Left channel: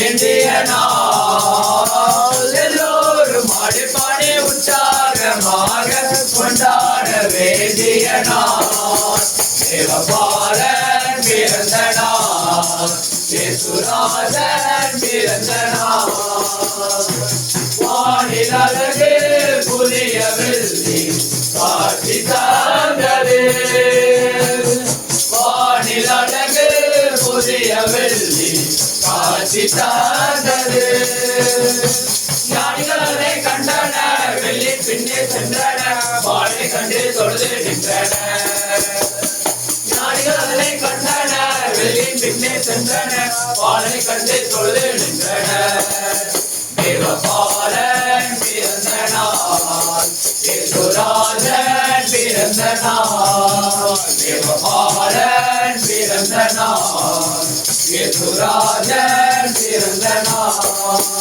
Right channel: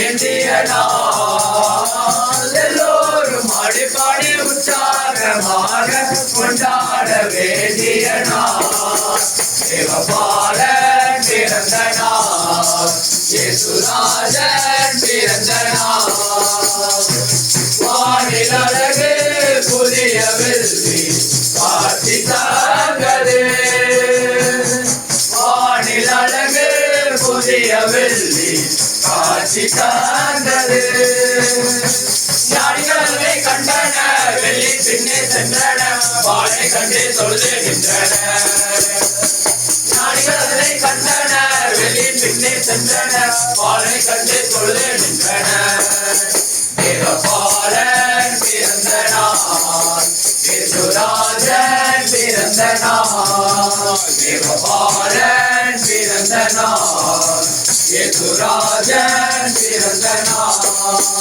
வேண்டிய நாள் எல்லோரும் அடிப்படை பாடி உற்சாகமாக கொண்டாட வேண்டிய நாள் தேவபாலன் பிறந்த நாள் இயேசுராஜன் பிறந்த நாள் வானில் அழகு புதிய வெள்ளி காட்சி தந்தது வானில் அழகு புதிய வெள்ளி காட்சி தந்தது ஞானிகளை கண்டன வெள்ளி பின்னே சென்றன வாழை கண்டு தொழுது நின்றன. ஞானிகளை கண்டன வெள்ளி பின்னே சென்றன வாழை கண்டு தொழுது நின்றன. தேவபாலன் பிறந்த நாள் இயேசுராஜன் பிறந்த நாள் தேவபாலன் பிறந்த ये थोड़ा जय सिरंदना